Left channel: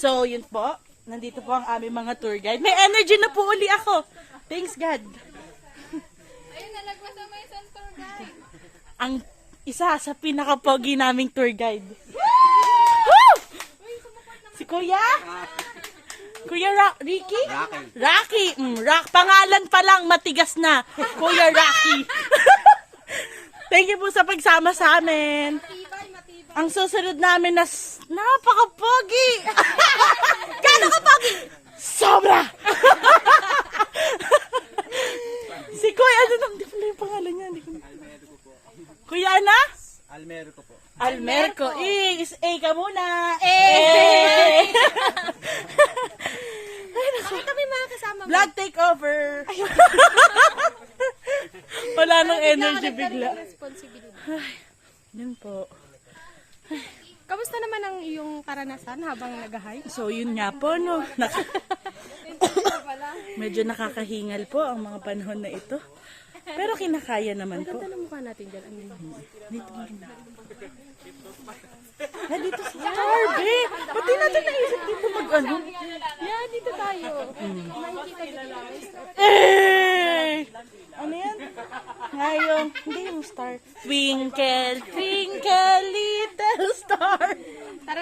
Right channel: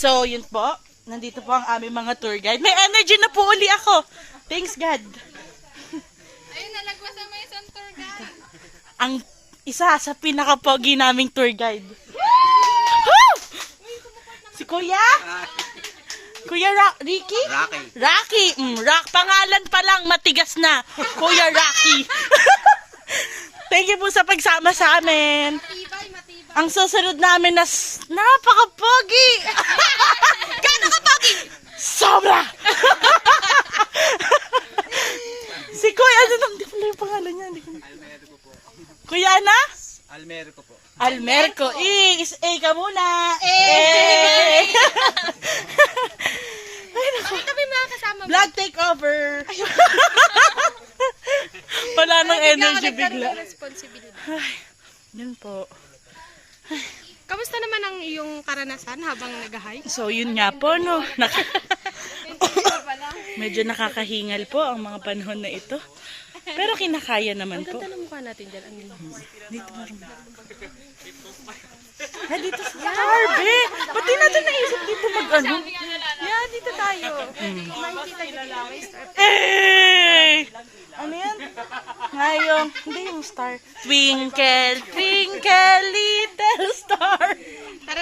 So, yun po. Nandito po ang aming mga tour guide. May energy na po uli ako. Thanks God. Ayun, nalagwas na may isang tour guide. Ang isa sa pinaka-pogi naming tour guide. Woo! Si Kuya? Kuya Ricky? Rocky. Pangalan pa lang, matigas na. Kuya Rocky. Thank you po sa pagsama sa amin. Matibay. Ang susunod namin na napaka-pogi. Gano'n ka pogi? Sobra. Si Kuya, ano nang, di ko na yung pangalan niya. Almerico po. Kuya na? Almerico po. Almerico. A ka muna. Eh. Kami mga kasama mo. Vlog takeover. Wala nang energy bigla. Responsibility. Yun po. Kamusta naman ang iyong karanasan habang nag-hike? So, yun nga po, no. Medyo nakakahingal po ang mga panahon na ito. Pero kinakaya naman po. Ganda ng mukha natin dyan. Ang Dito marunong. Dito sa Starbe. Ba't di natin naisip dito mag-ano? Yeah, dito tayo. Makikita dito na may star. Ano yan? Ngayong, hindi yung star. Twinkle, twinkle, little star.